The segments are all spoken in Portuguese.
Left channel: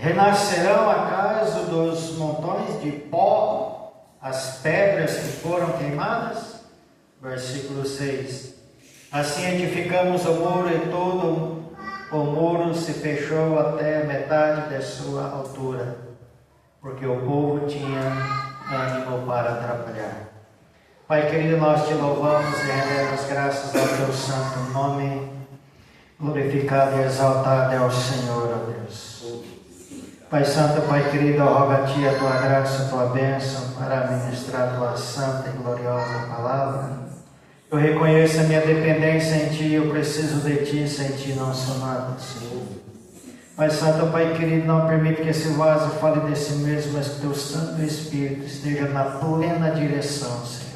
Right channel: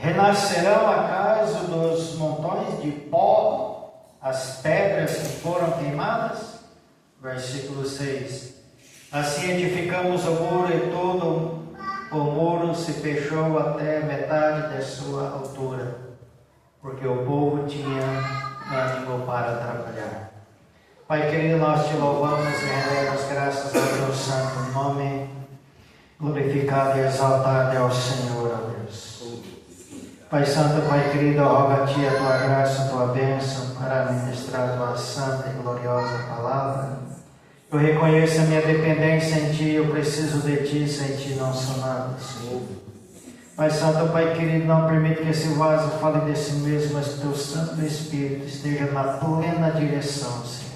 Renascerão acaso dos montões de pó as pedras que foram queimadas? Versículo 6. Assim edificamos o muro e todo o muro se fechou até metade da sua altura, porque o povo tinha ânimo para atrapalhar. Pai querido, nós te louvamos e rendemos graças ao teu santo nome. Glorificado e exaltado é o Senhor, ó Deus. Pai santo, Pai querido, eu rogo a ti a tua graça, a tua bênção para ministrar a tua santa e gloriosa palavra. Eu reconheço a minha dependência em ti, eu preciso de ti, sem ti não sou nada, Senhor. Pai santo, Pai querido, não permite que esse vaso fale desse mesmo, mas que teu Santo Espírito esteja na plena direção, Senhor.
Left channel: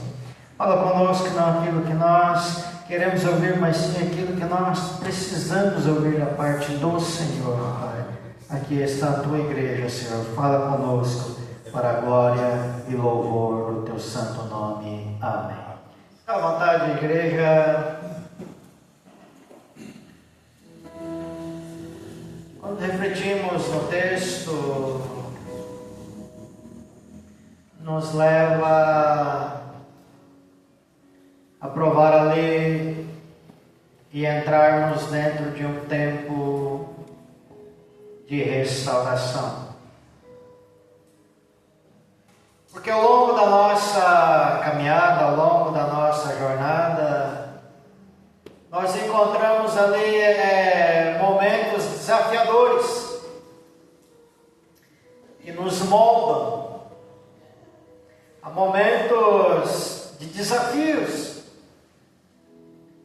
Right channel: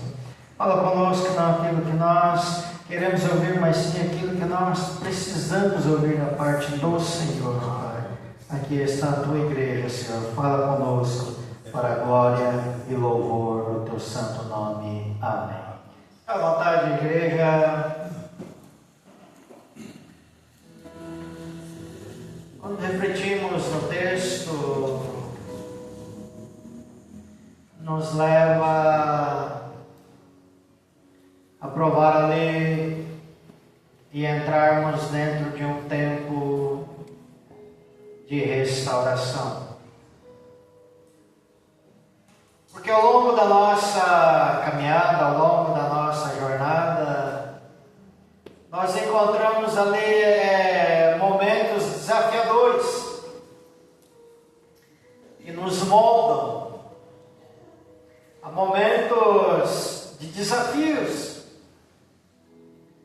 Fala conosco não aquilo que nós queremos ouvir, mas sim aquilo que nós precisamos ouvir da parte do Senhor, Pai. Aqui está a tua igreja, Senhor. Fala conosco para a glória e louvor do teu santo nome. Amém. À vontade, igreja. Quando refletimos no texto, nos leva a provar a lei e entrarmos dentro de um tempo de restauração. Porque ao longo da nossa caminhada, ao longo da nossa jornada, nós encontramos ali momentos desafiadores e nos moldam. Há momentos de desafios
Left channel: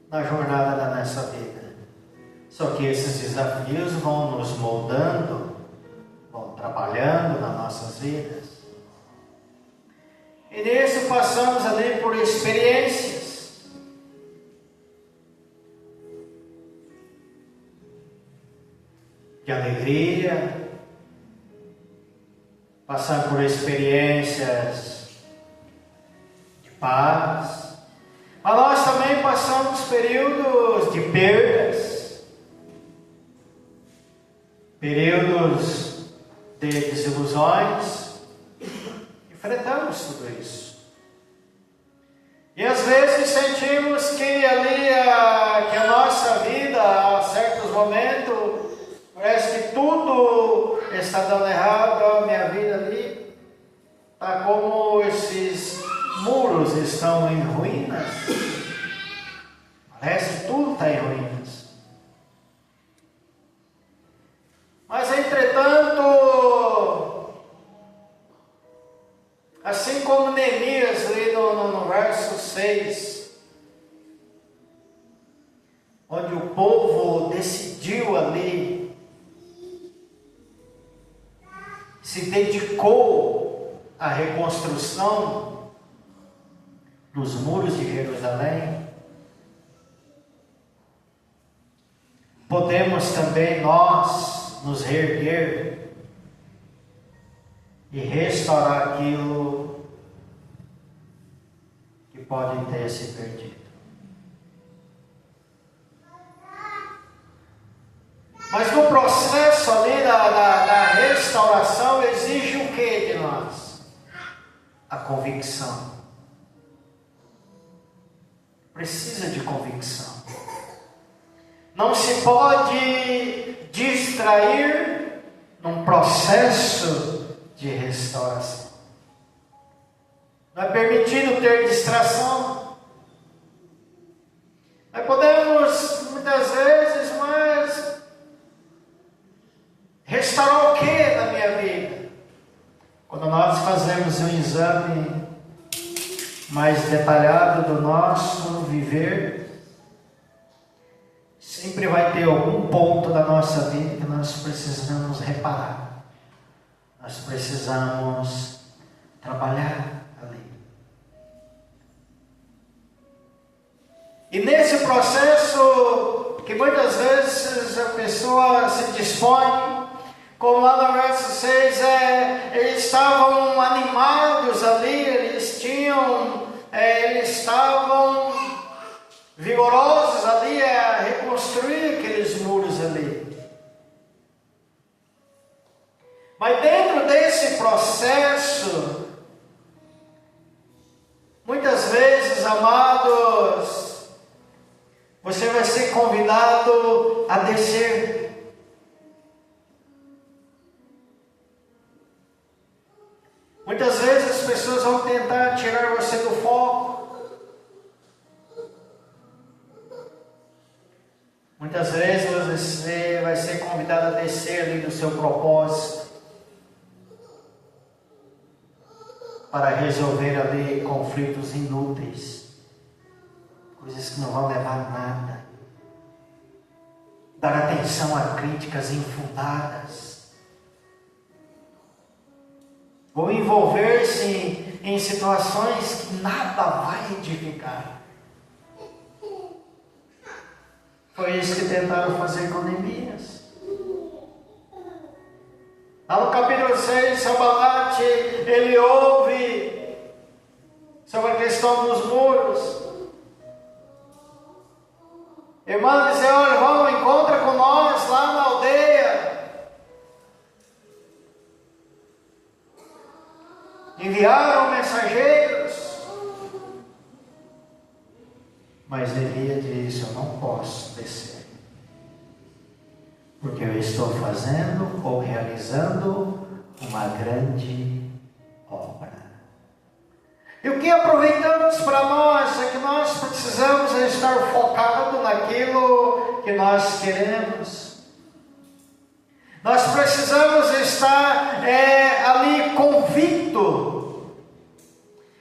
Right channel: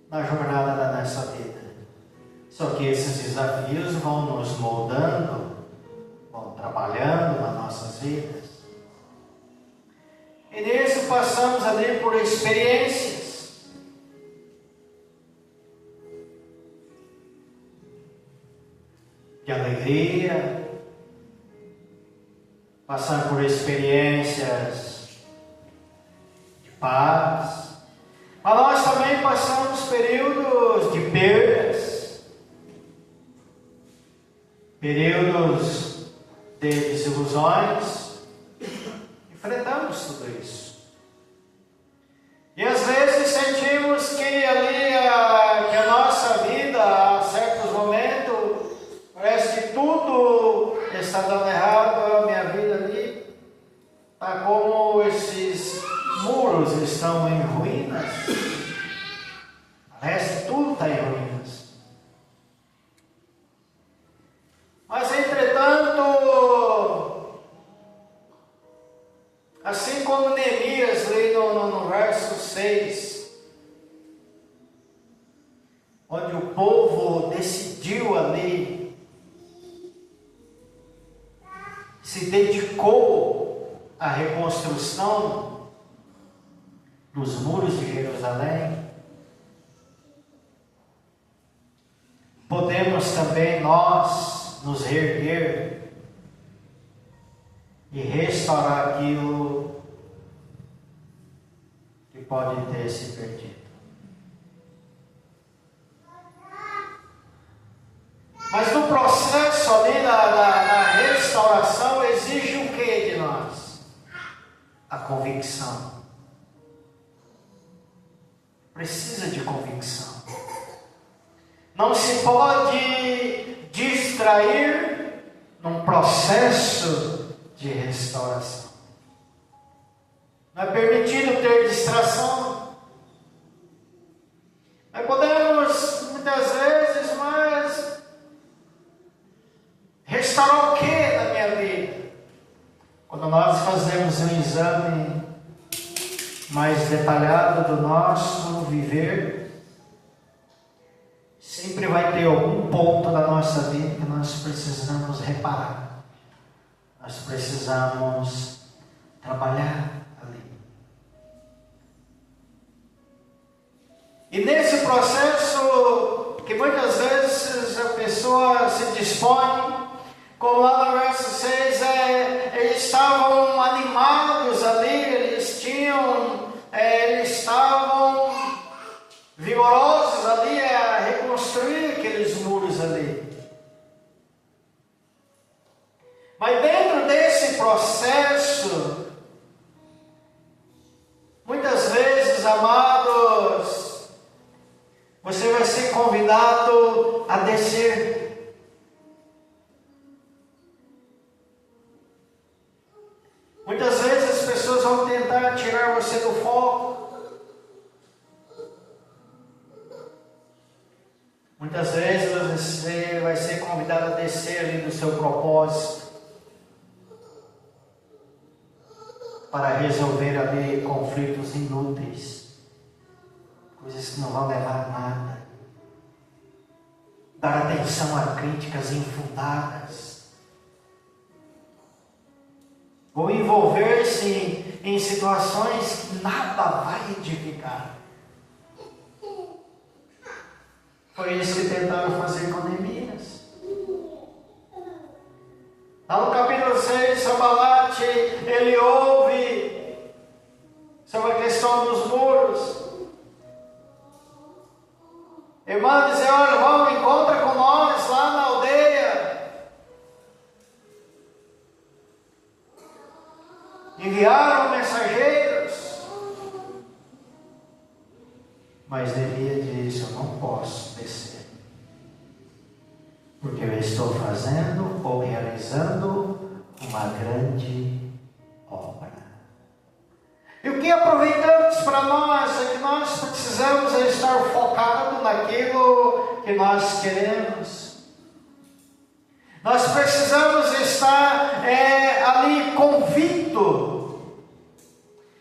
na jornada da nossa vida. Só que esses desafios vão nos moldando, vão trabalhando nas nossas vidas. E nisso passamos ali por experiências. De alegria, passar por experiências de paz. Mas nós também passamos períodos de perdas, períodos de desilusões. Enfrentamos tudo isso. E às vezes sentimos que ali que a nossa vida, a certos momentos, parece que tudo está dando errado, a minha vida ali está como esses muros estão em ruínas. Parece que tudo está em ruínas. Mas entretanto, assim como Neemias ali no verso 6, onde o povo decidiu ali, se dedicou à reconstrução dos muros de Jerusalém, podemos também nós nos reerguer e restaurar aquilo que pode ter se perdido. Mas no processo ali da restauração exige o que de nós? A convicção. Precisa de convicção. Não se pode distrair num processo de restauração. Não é permitido ter distração. Nós podemos, muitas vezes, mas restaurar o que na minha vida? Quando nós fazemos um exame mais detalhado do nosso viver, sempre vai ter algum ponto da nossa vida que nós precisamos reparar. Nós precisamos trabalhar ali. E nesse processo, que muitas vezes a pessoa se dispõe, como lá no verso 6, eles estavam animados ali, eles estavam vigorosos ali a reconstruir aqueles muros ali. Mas dentro desse processo, muitas vezes, amados, você vai ser convidado a descer. Muitas vezes as pessoas vão tentar tirar você do foco. Muitas vezes você vai ser convidado a descer ali do seu propósito, para resolver ali conflitos inúteis, coisas que não vão levar a nada, dar atenção a críticas infundadas, ou envolver-se em situações que nada vai edificar. Foi isso que tentaram fazer com Neemias. Lá no capítulo 6, Sanbalate, ele ouve sobre a questão dos muros. Irmã dizer, olha, vamos, encontra com nós lá na aldeia. Enviaram mensageiros. Mas Neemias disse, eu não posso descer. Porque eu estou fazendo ou realizando uma grande obra. E o que aproveitamos para nós é que nós precisamos estar focados naquilo que nós queremos. Nós precisamos estar ali convicto.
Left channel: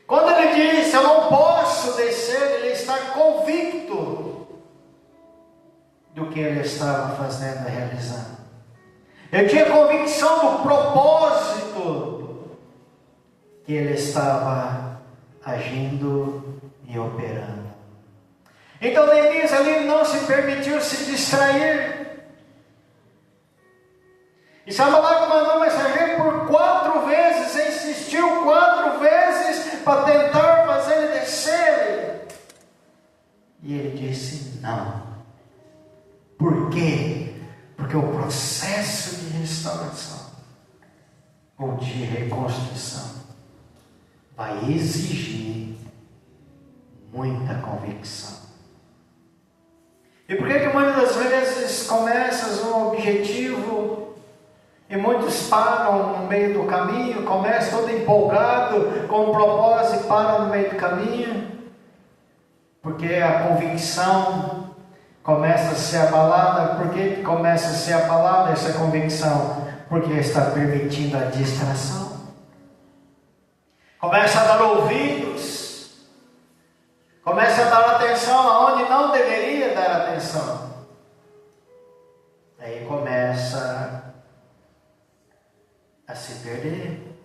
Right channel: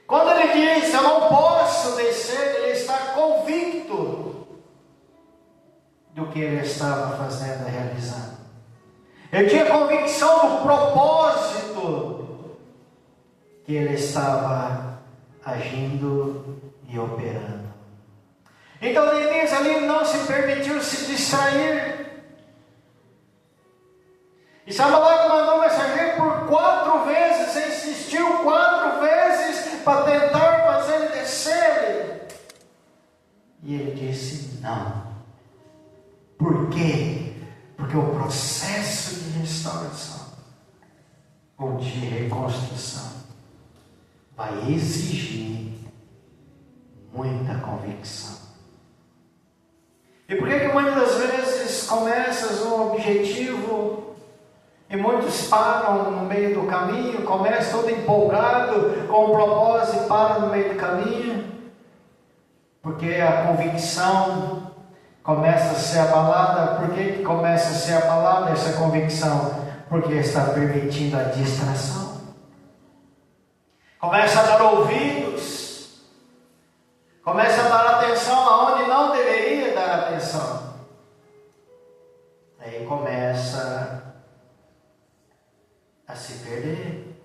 Quando ele diz, eu não posso descer, ele está convicto do que ele estava fazendo e realizando. Eu tinha convicção do propósito que ele estava agindo e operando. Então Neemias ali não se permitiu se distrair. E Sanbalate mandou mensageiro por 4 vezes, insistiu 4 vezes para tentar fazer ele descer. E ele disse não. Por quê? Porque o processo de restauração ou de reconstrução vai exigir muita convicção. E por que muitas das vezes começas um objetivo e muitos param no meio do caminho, começam todo empolgado com o propósito e param no meio do caminho? Porque a convicção começa a ser abalada. Por que começa a ser abalada essa convicção? Porque está permitindo a distração. Começa a dar ouvidos. Começa a dar atenção aonde não deveria dar atenção. Aí começa a se perder.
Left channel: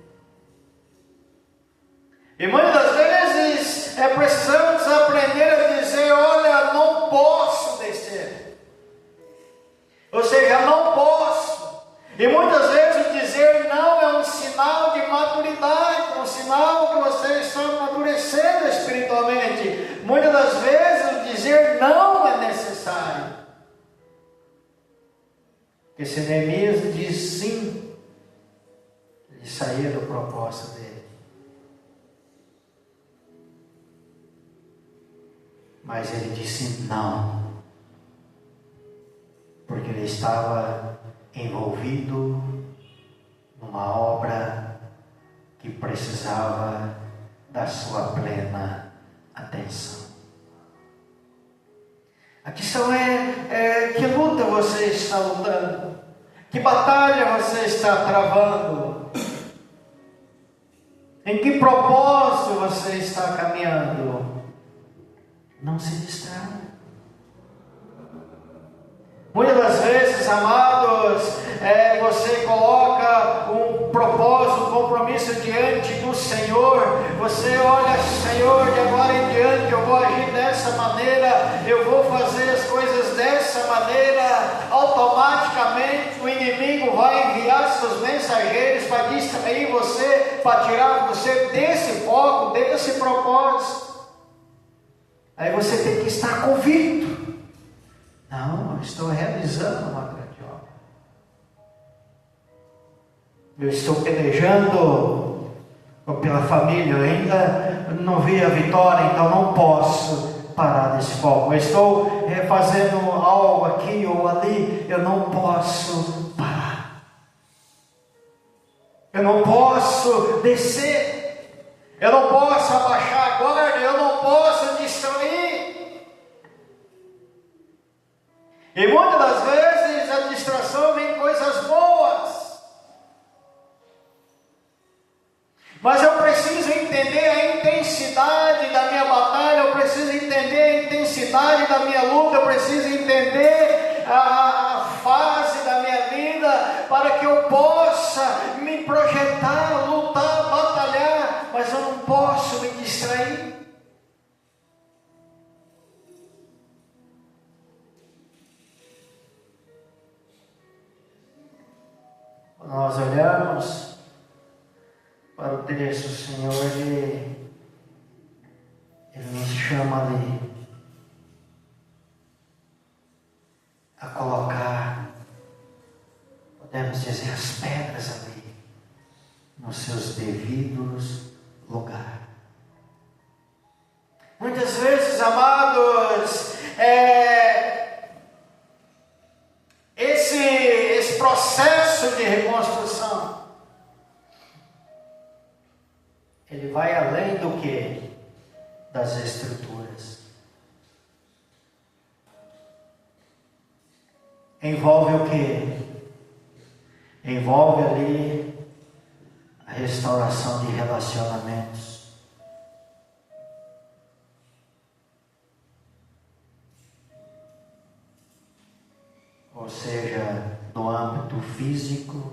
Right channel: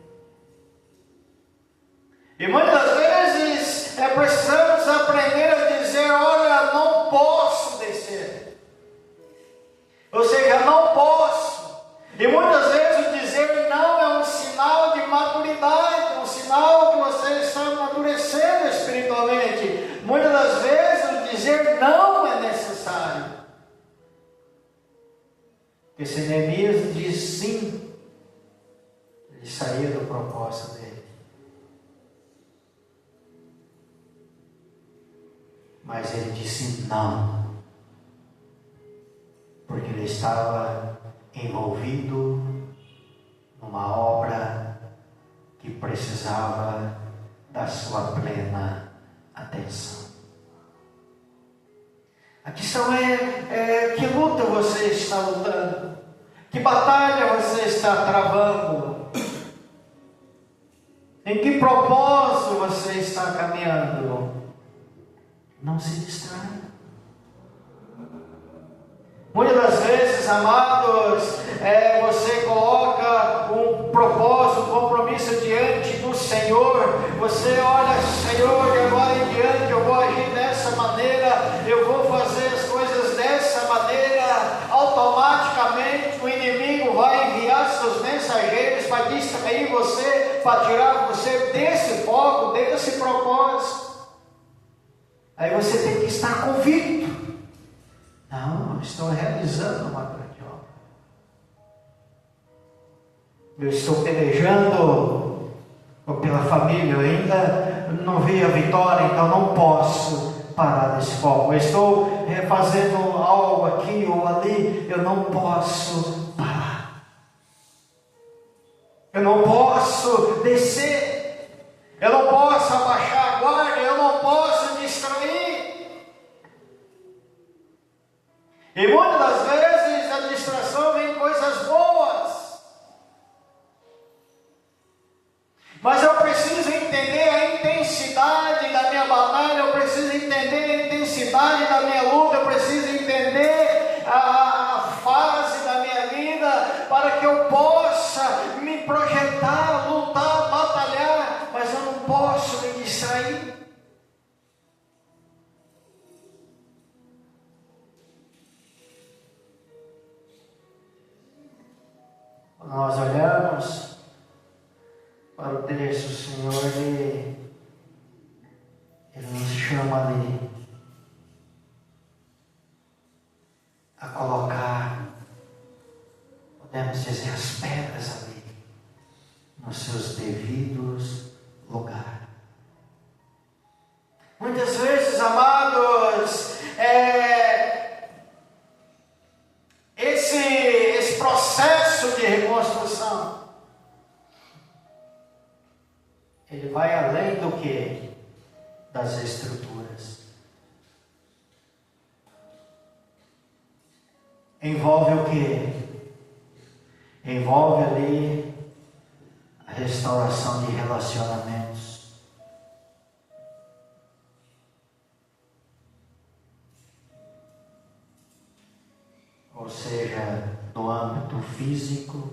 E muitas das vezes precisamos aprender a dizer, olha, não posso descer. Ou seja, não posso. E muitas vezes o dizer não é um sinal de maturidade, um sinal que você está amadurecendo espiritualmente. Muitas das vezes o dizer não é necessário. Porque se Neemias diz sim, ele saía do propósito dele. Mas ele disse não, porque ele estava envolvido numa obra que precisava da sua plena atenção. A questão é que luta você está lutando? Que batalha você está travando? Em que propósito você está caminhando? Não se distraia. Muitas das vezes, amados, você coloca um propósito, um compromisso diante do Senhor. Você olha, Senhor, de agora em diante eu vou agir dessa maneira, eu vou fazer as coisas dessa maneira. Automaticamente o inimigo vai enviar seus mensageiros para distrair você, para tirar você desse foco, desse propósito. Aí você tem que estar convicto. Não, eu estou realizando uma grande obra. Eu estou pelejando pela família, eu ainda não vi a vitória, então não posso parar nesse foco. Eu estou fazendo algo aqui ou ali, eu não posso parar. Eu não posso descer, eu não posso abaixar a guarda, eu não posso distrair. E muitas das vezes a distração vem coisas boas, mas eu preciso entender a intensidade da minha batalha, eu preciso entender a intensidade da minha luta, eu preciso entender a fase da minha vida, para que eu possa me projetar, lutar, batalhar, mas eu não posso me distrair. Quando nós olhamos para o texto, o Senhor, Ele nos chama ali a colocar, podemos dizer, as pedras ali, nos seus devidos lugares. Muitas vezes, amados, esse processo de reconstrução, ele vai além do que? Das estruturas. Envolve o que? Envolve ali a restauração de relacionamentos. Ou seja, no âmbito físico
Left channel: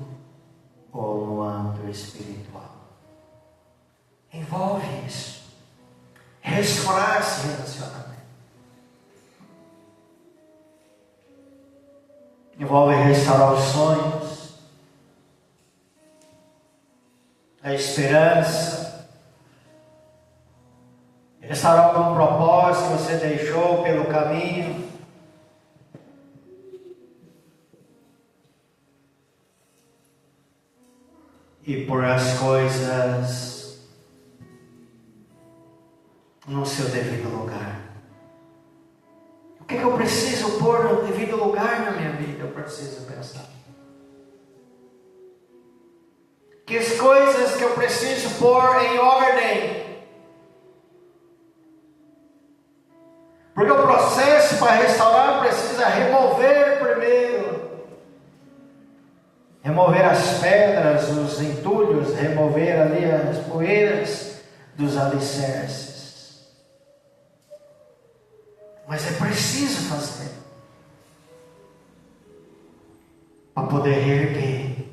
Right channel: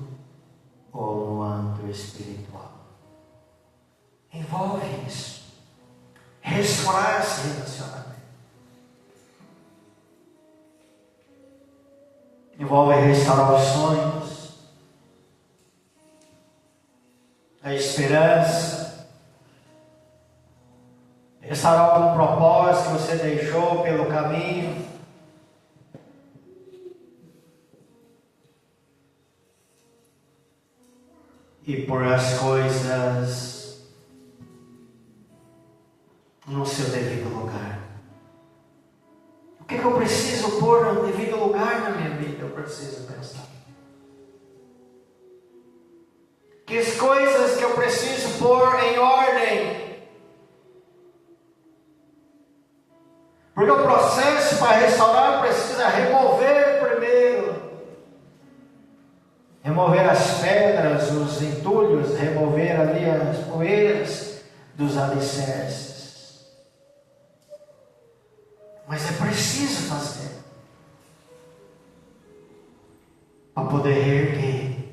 ou no âmbito espiritual. Envolve isso. Restaurar esse relacionamento. Envolve restaurar os sonhos, a esperança, restaurar algum propósito que você deixou pelo caminho. E pôr as coisas no seu devido lugar. O que eu preciso pôr no devido lugar na minha vida? Eu preciso pensar. Que as coisas que eu preciso pôr em ordem. Porque o processo para restaurar precisa remover primeiro. Remover as pedras, os entulhos, remover ali as poeiras dos alicerces. Mas é preciso fazer para poder reerguer.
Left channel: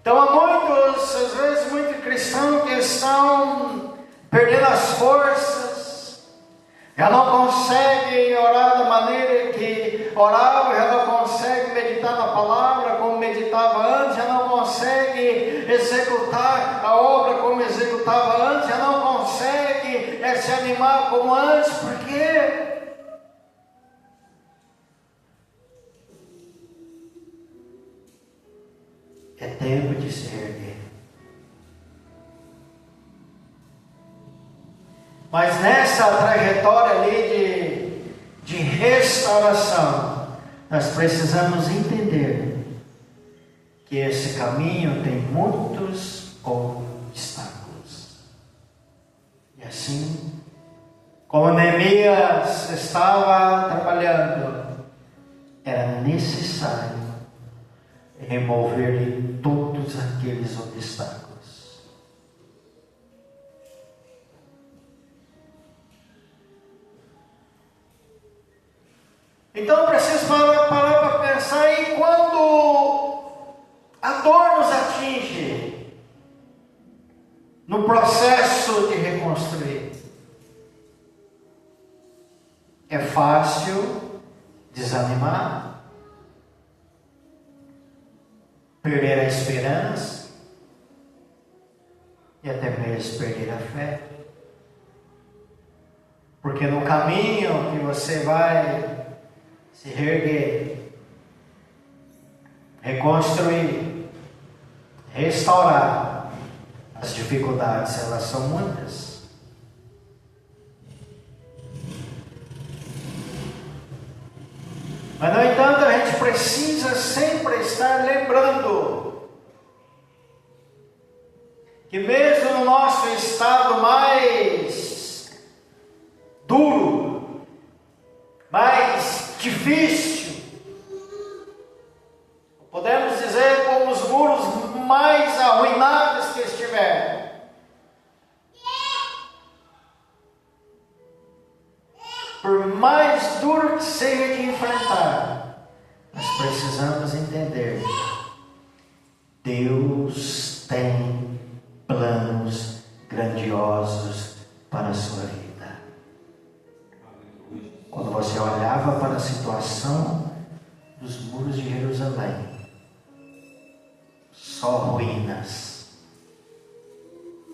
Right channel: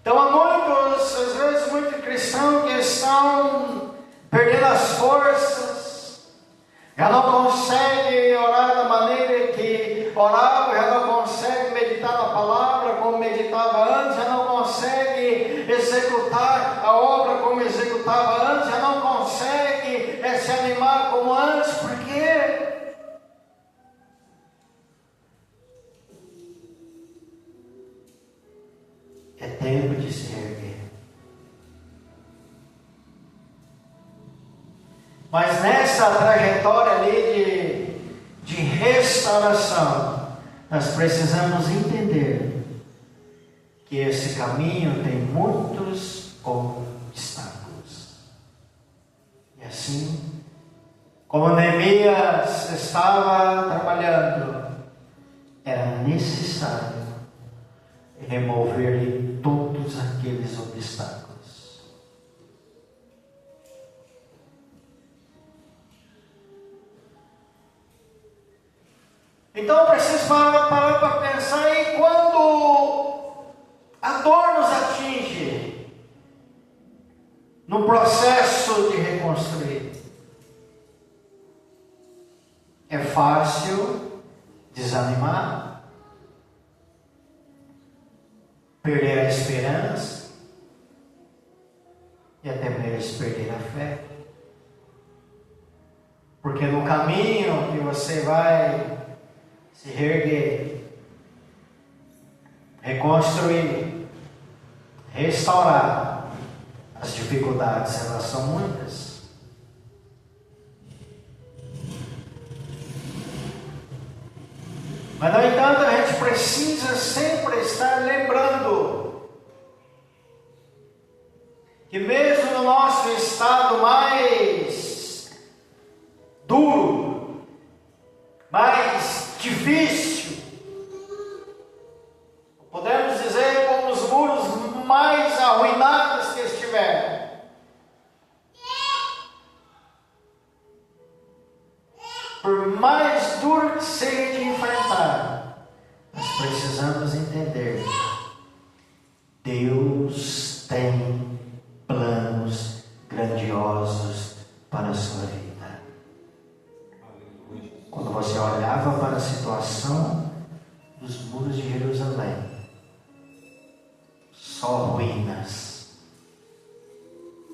Então há muitos, às vezes, muitos cristãos que estão perdendo as forças, já não conseguem orar da maneira que orava, já não conseguem meditar na palavra como meditava antes, já não conseguem executar a obra como executava antes, já não conseguem se animar como antes. Por quê? É tempo de se erguer. Mas nessa trajetória ali de restauração, nós precisamos entender que esse caminho tem muitos obstáculos. E assim, como Neemias estava trabalhando, era necessário remover todos aqueles obstáculos. Então eu preciso parar para pensar em quando a dor nos atinge no processo de reconstruir. É fácil desanimar, perder a esperança e até mesmo perder a fé. Porque no caminho que você vai se reerguer, reconstruir, restaurar. As dificuldades, elas são muitas. Mas, no entanto, a gente precisa sempre estar lembrando que mesmo no nosso estado mais duro, mais difícil, podemos dizer como os muros mais arruinados que estiverem, por mais duro que seja de enfrentar, nós precisamos entender: Deus tem planos grandiosos para a sua vida. Quando você olhava para a situação dos muros de Jerusalém, só ruínas,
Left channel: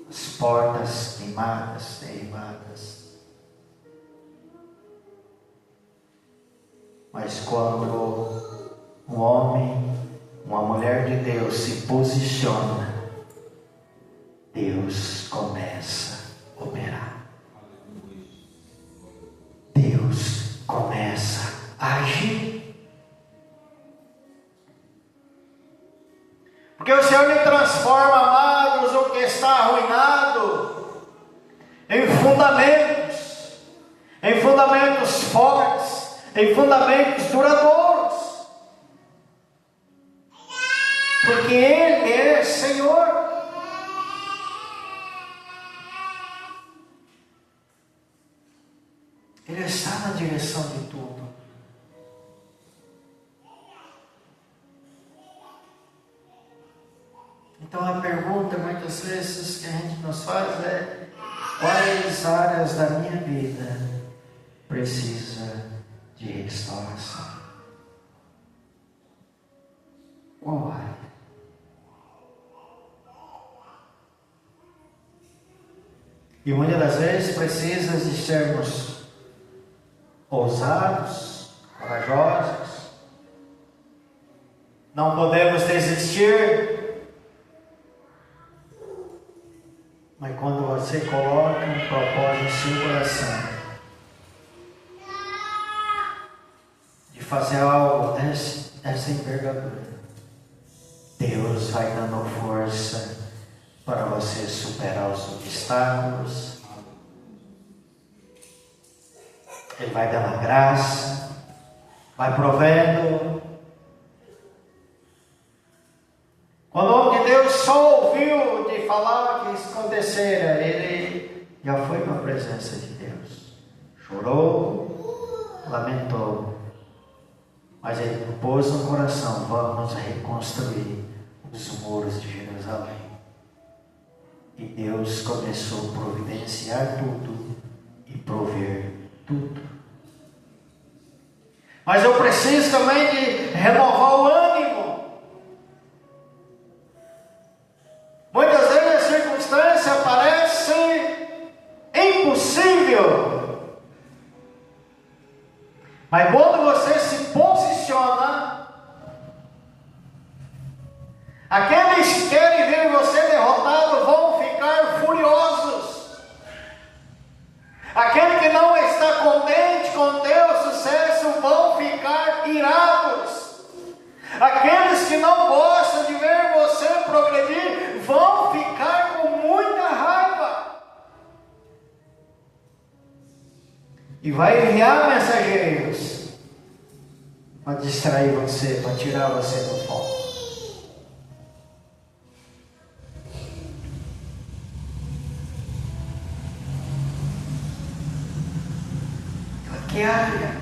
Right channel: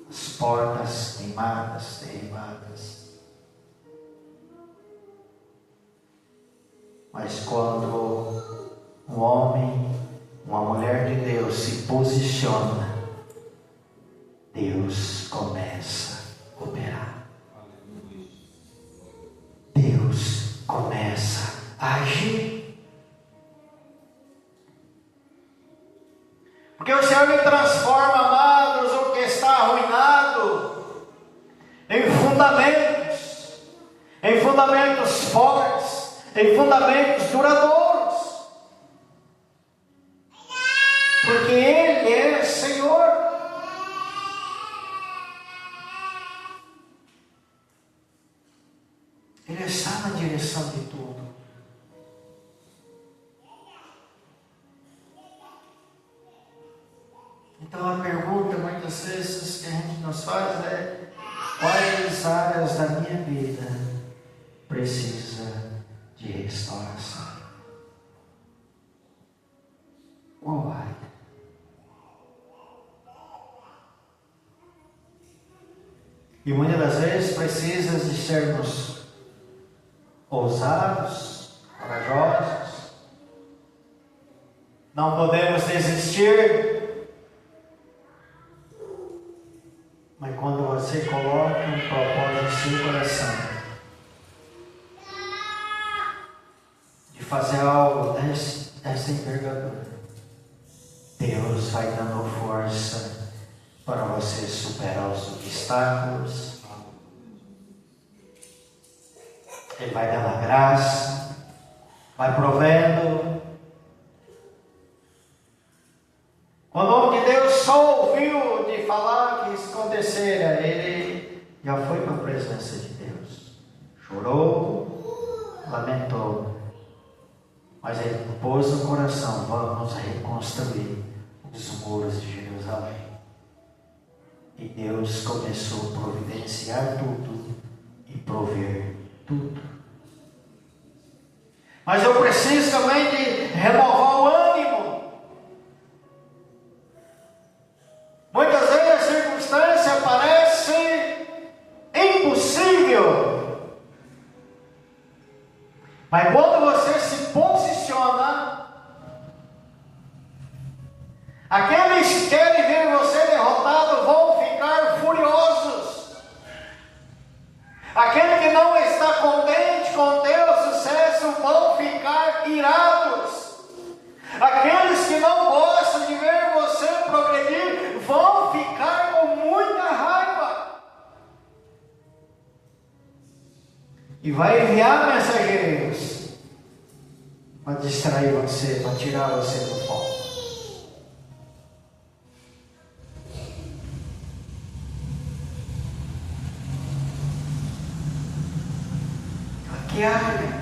as portas queimadas, derribadas. Mas quando um homem, uma mulher de Deus se posiciona, Deus começa a operar. Deus começa a agir. Porque o Senhor lhe transforma, amados, o que está arruinado em fundamentos fortes, em fundamentos duradouros. Porque Ele é Senhor. Ele está na direção de tudo. Então a pergunta muitas vezes que a gente nos faz é: quais áreas da minha vida precisa de restauração? Qual área? E muitas das vezes precisa de sermos ousados, corajosos. Não podemos desistir. Mas quando você coloca um propósito no seu coração de fazer algo dessa envergadura, Deus vai dando força para você superar os obstáculos. Ele vai dando a graça, vai provendo. Quando o homem de Deus só ouviu de falar que isso acontecera, ele já foi para a presença de Deus. Chorou, lamentou. Mas ele pôs no coração: vamos reconstruir os muros de Jerusalém. E Deus começou a providenciar tudo e prover tudo. Mas eu preciso também de renovar o ânimo. Muitas vezes a circunstância parece impossível. Mas quando você se posiciona, aqueles que querem ver você derrotado vão ficar furiosos. Aquele que não está contente com o teu sucesso vão ficar irados. Aqueles que não gostam de ver você progredir vão ficar com muita raiva. E vai enviar mensageiros para distrair você, para tirar você do foco. Que área?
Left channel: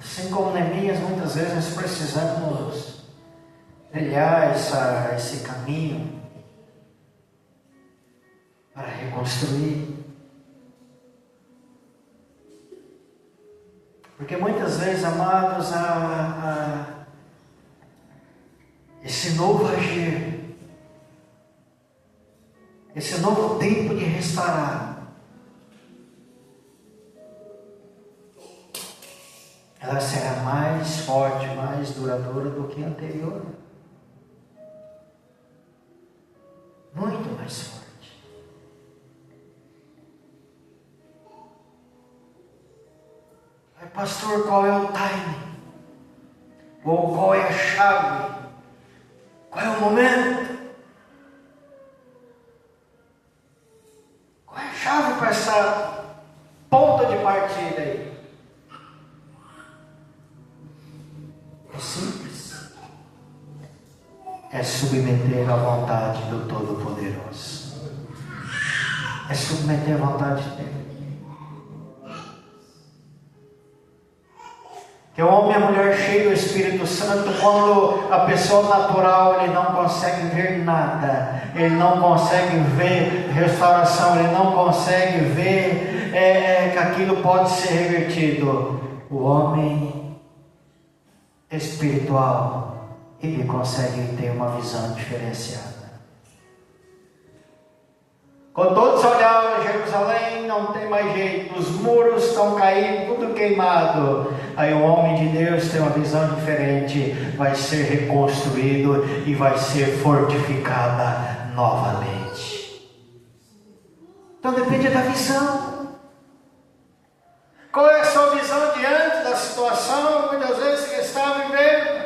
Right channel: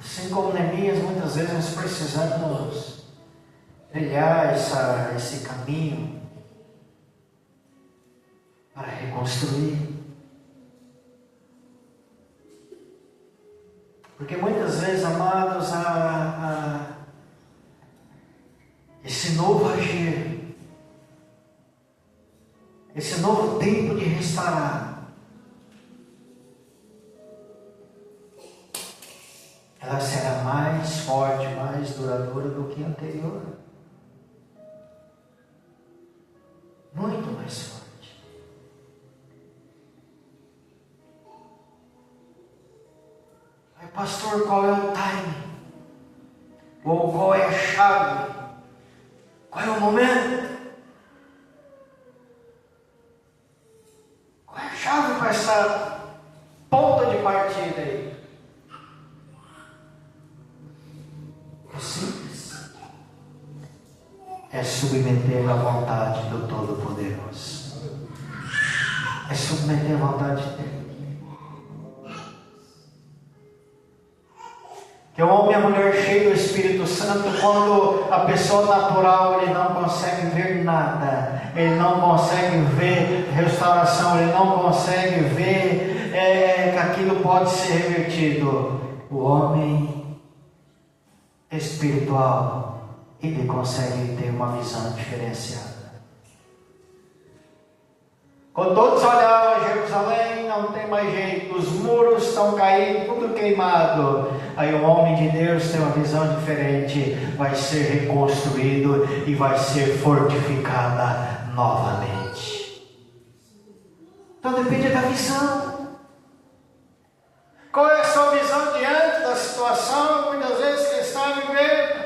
Assim como Neemias, muitas vezes nós precisamos trilhar esse caminho para reconstruir. Porque muitas vezes, amados, esse novo agir, esse novo tempo de restaurar, ela será mais forte, mais duradoura do que a anterior. Muito mais forte. Aí, pastor, qual é o time? Ou qual é a chave? Qual é o momento? Qual é a chave para essa ponta de partida aí? É simples. É submeter à vontade do Todo-Poderoso. É submeter à vontade dele. Que o homem e a mulher cheio do Espírito Santo, quando a pessoa natural ele não consegue ver nada, ele não consegue ver restauração, ele não consegue ver que aquilo pode ser revertido. O homem espiritual, ele consegue ter uma visão diferenciada. Quando todos olhavam Jerusalém, não tem mais jeito, os muros estão caindo, tudo queimado. Aí o homem de Deus tem uma visão diferente, vai ser reconstruído e vai ser fortificada novamente. Então depende da visão. Qual é a sua visão diante da situação, muitas vezes, que está vivendo?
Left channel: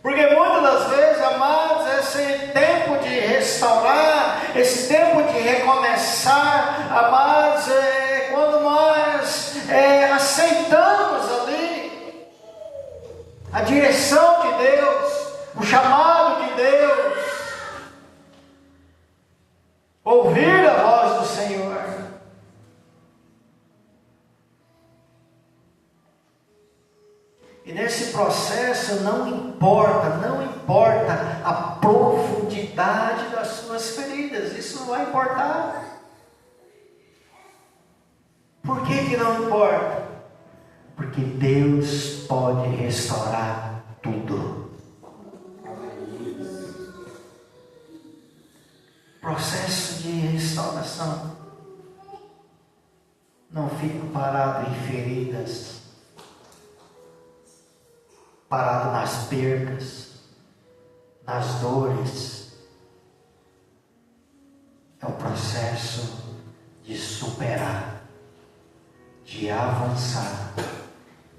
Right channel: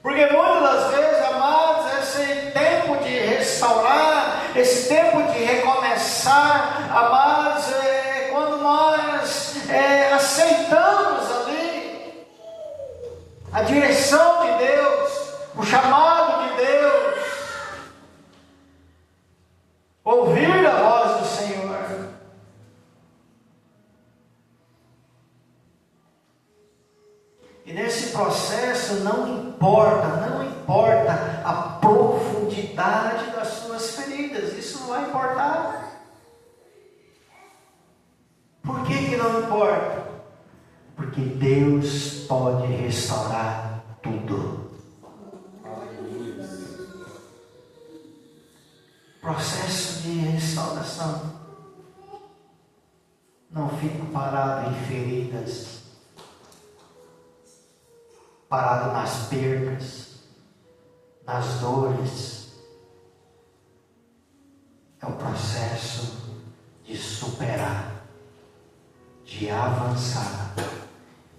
Porque muitas das vezes, amados, esse tempo de restaurar, esse tempo de recomeçar, amados, quando nós aceitamos ali a direção de Deus, o chamado de Deus, ouvir a voz do Senhor. E nesse processo não importa a profundidade das suas feridas, isso não vai importar. Por que não importa? Porque Deus pode restaurar tudo. Processo de restauração. Não fica parado em feridas, parado nas perdas, nas dores. É o processo de superar, de avançar,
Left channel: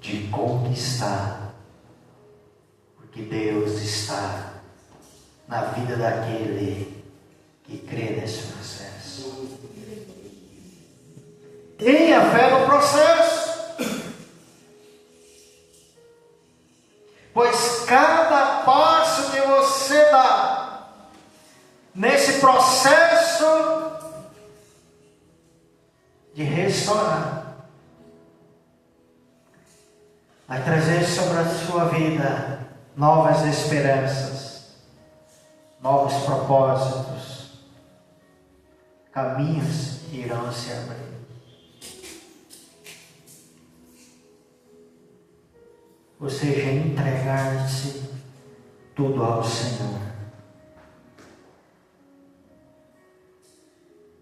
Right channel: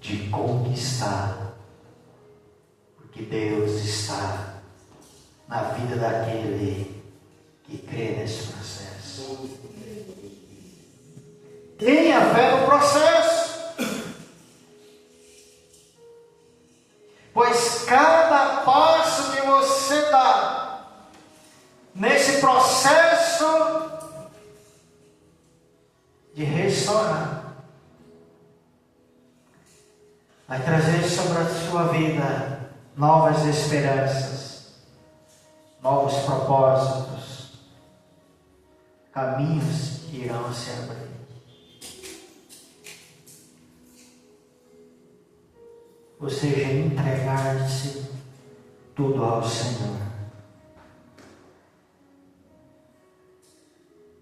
de conquistar, porque Deus está na vida daquele que crê nesse processo. Tenha fé no processo. Pois cada passo que você dá nesse processo de restaurar vai trazer sobre a sua vida novas esperanças, novos propósitos, caminhos que irão se abrir. Ou seja, entregar-se tudo ao Senhor.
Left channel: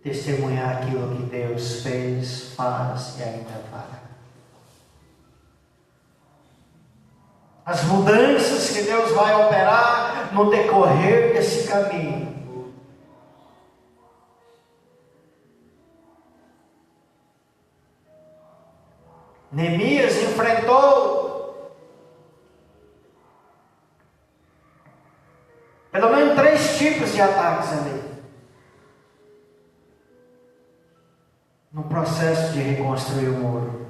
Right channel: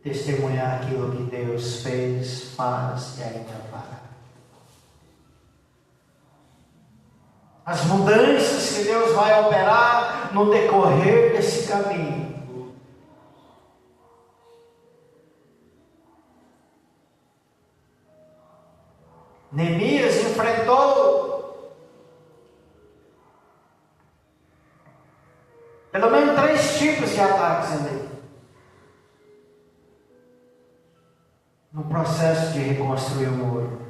Testemunhar aquilo que Deus fez, faz e ainda fará. As mudanças que Deus vai operar no decorrer desse caminho. Neemias enfrentou pelo menos 3 tipos de ataques ali. No processo de reconstruir o muro.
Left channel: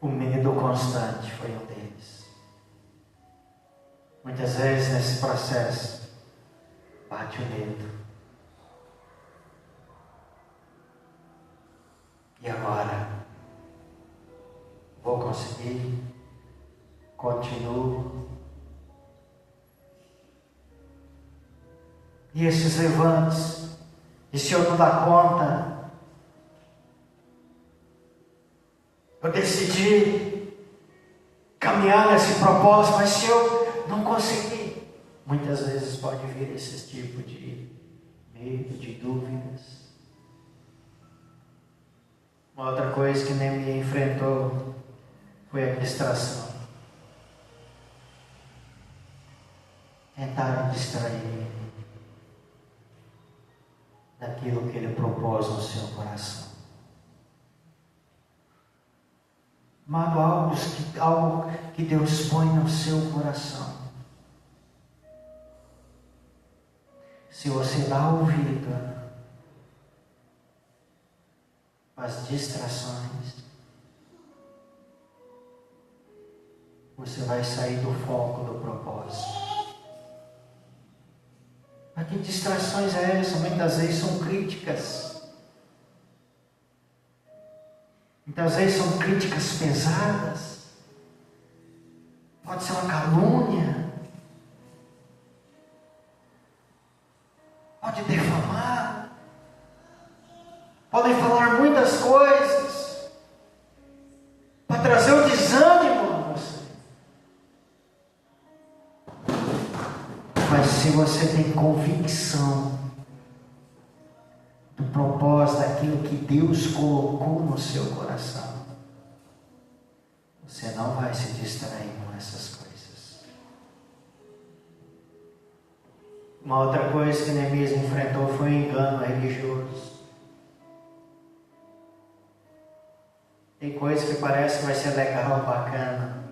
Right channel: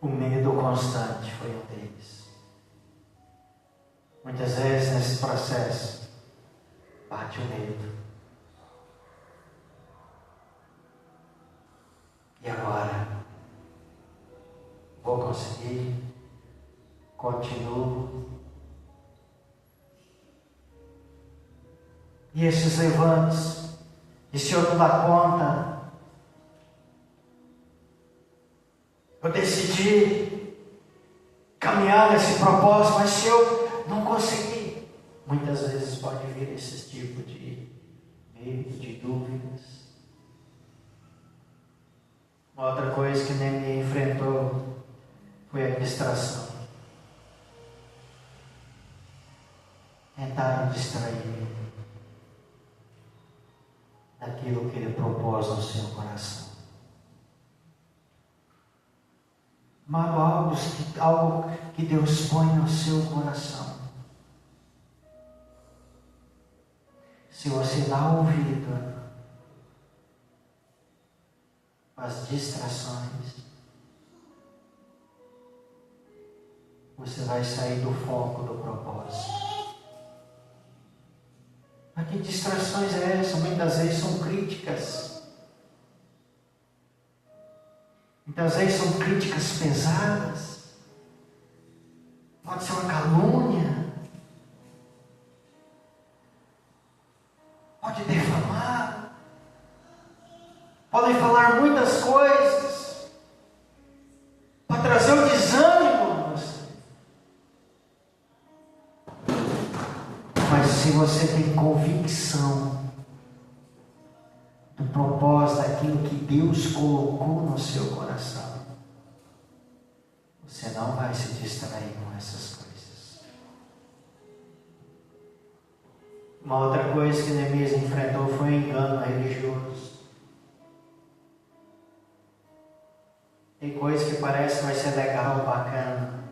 O medo constante foi um deles. Muitas vezes nesse processo bate o medo. E agora? Vou conseguir? Continuo. E esses levantes, e se eu não dar conta, eu decidi caminhar nesse propósito, mas se eu não conseguir, muitas vezes pode vir esse tipo de medo, de dúvidas. Uma outra coisa que Neemias enfrentou foi a distração. Tentaram distrair ele daquilo que ele propôs no seu coração. Mas algo que Deus põe no seu coração. Se você dá ouvido às distrações, você vai sair do foco do propósito. Mas que distrações é essa? Muitas vezes são críticas. Muitas vezes são críticas pesadas. Pode ser uma calúnia. Pode defamar. Podem falar muitas coisas para trazer o desânimo a você. Mas se você tem convicção do propósito, daquilo que Deus colocou no seu coração, você não vai se distrair com essas coisas. Uma outra coisa que Neemias enfrentou foi o engano religioso. Tem coisa que parece que vai ser legal, bacana.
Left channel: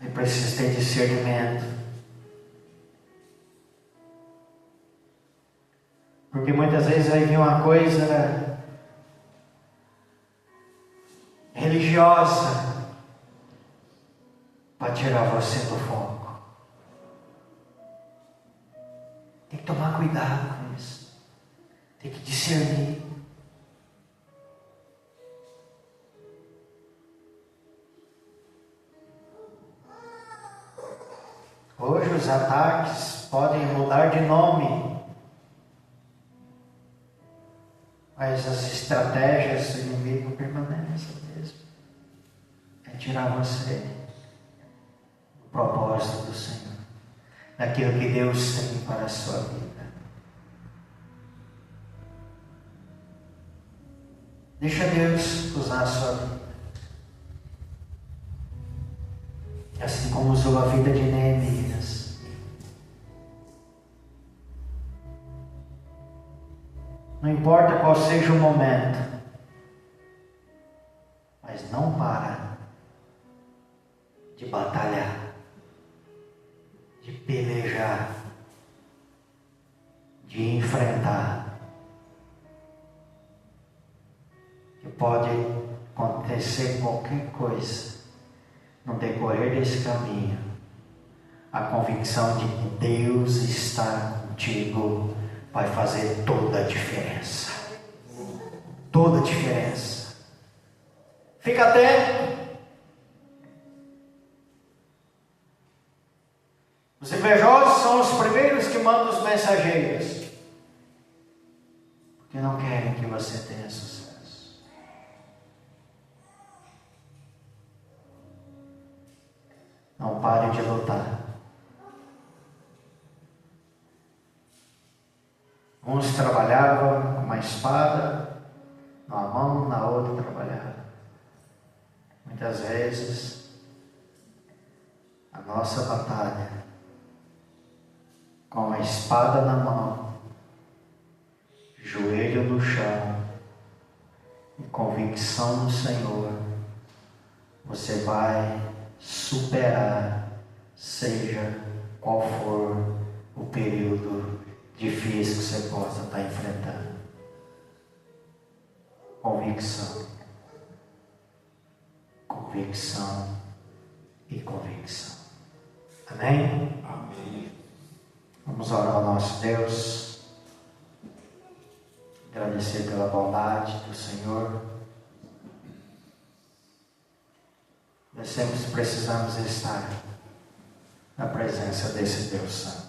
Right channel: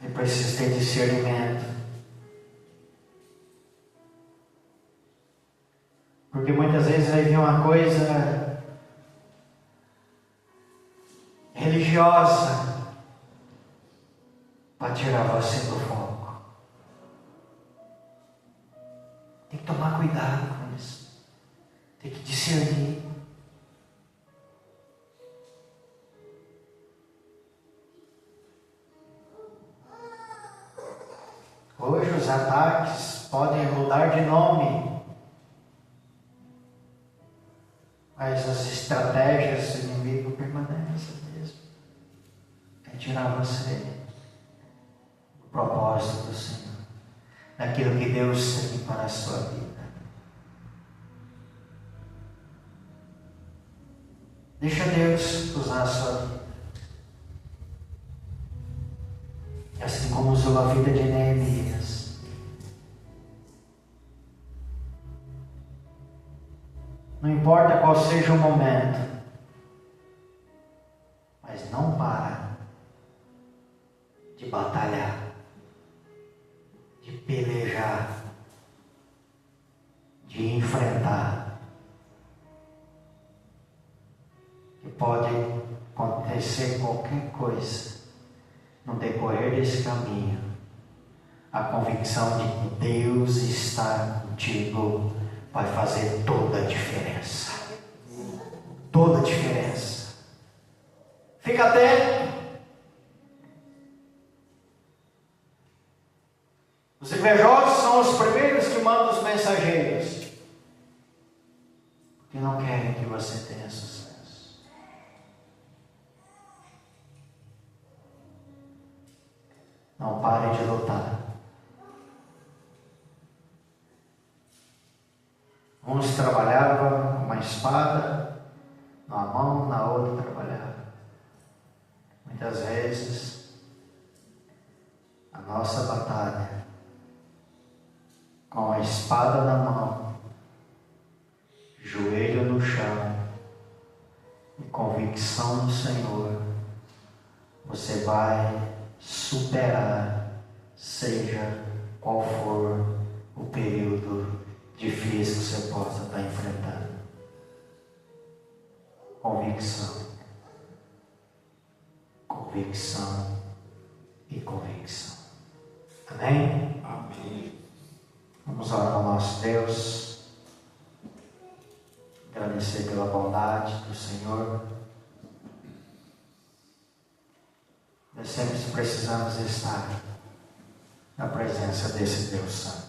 É preciso ter discernimento. Porque muitas vezes vai vir uma coisa religiosa para tirar você do foco. Tem que tomar cuidado com isso. Tem que discernir. Hoje os ataques podem mudar de nome, mas as estratégias do inimigo permanecem mesmo. É tirar você do propósito do Senhor, daquilo que Deus tem para a sua vida. Deixa Deus usar a sua vida. Assim como usou a vida de Neemias. Não importa qual seja o momento, mas não para de batalhar, de pelejar, de enfrentar. Que pode acontecer qualquer coisa no decorrer desse caminho, a convicção de que Deus está contigo vai fazer toda a diferença. Toda a diferença. Fica atento. Os invejosos são os primeiros que mandam os mensageiros, porque não querem que você tenha sucesso. Não pare de lutar. Uns trabalhavam com uma espada numa mão, na outra trabalhava. Muitas vezes a nossa batalha com a espada na mão, joelho no chão e convicção no Senhor, você vai superar, seja qual for o período difícil que você possa estar enfrentando. Convicção, convicção e convicção. Amém? Amém. Vamos orar ao nosso Deus, agradecer pela bondade do Senhor. Nós sempre precisamos estar na presença desse Deus Santo.